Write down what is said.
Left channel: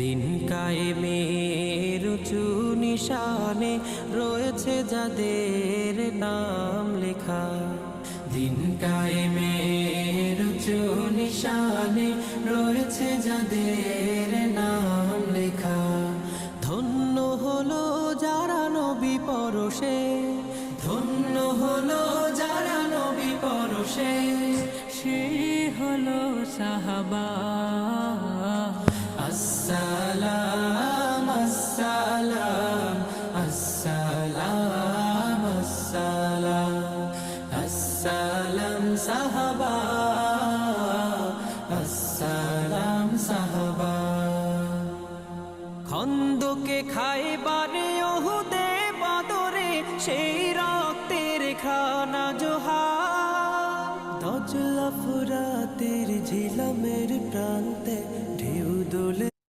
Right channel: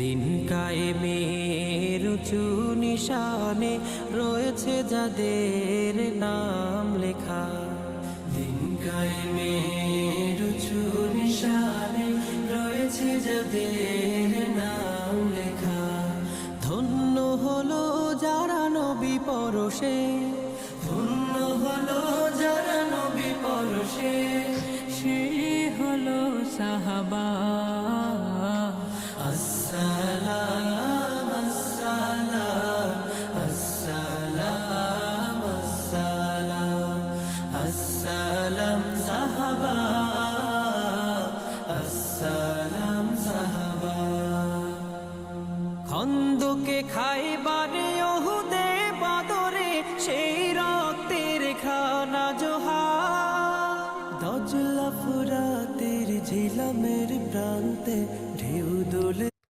দিন কায়েমের উঁচু নিশানে রয়েছে যাদের নাম লেখা। দিন কায়েমের উঁচু নিশানে রয়েছে যাদের নাম লেখা। ধন্য হলো যারা নবী পরশে, ধন্য হলো যারা নবী পরশে, সে হলো সাহাবা। আসসালাম আসসালাম আসসালাম আসসালাম আসসালাম সাহাবা, আসসালাম সাহাবা। খন্দকে খাইবারে ওহুদে বদরে সেই রক্তের খানা জোহার। দজলা ফুরাতের ঝিলামের প্রান্তে ঢেউ দোলে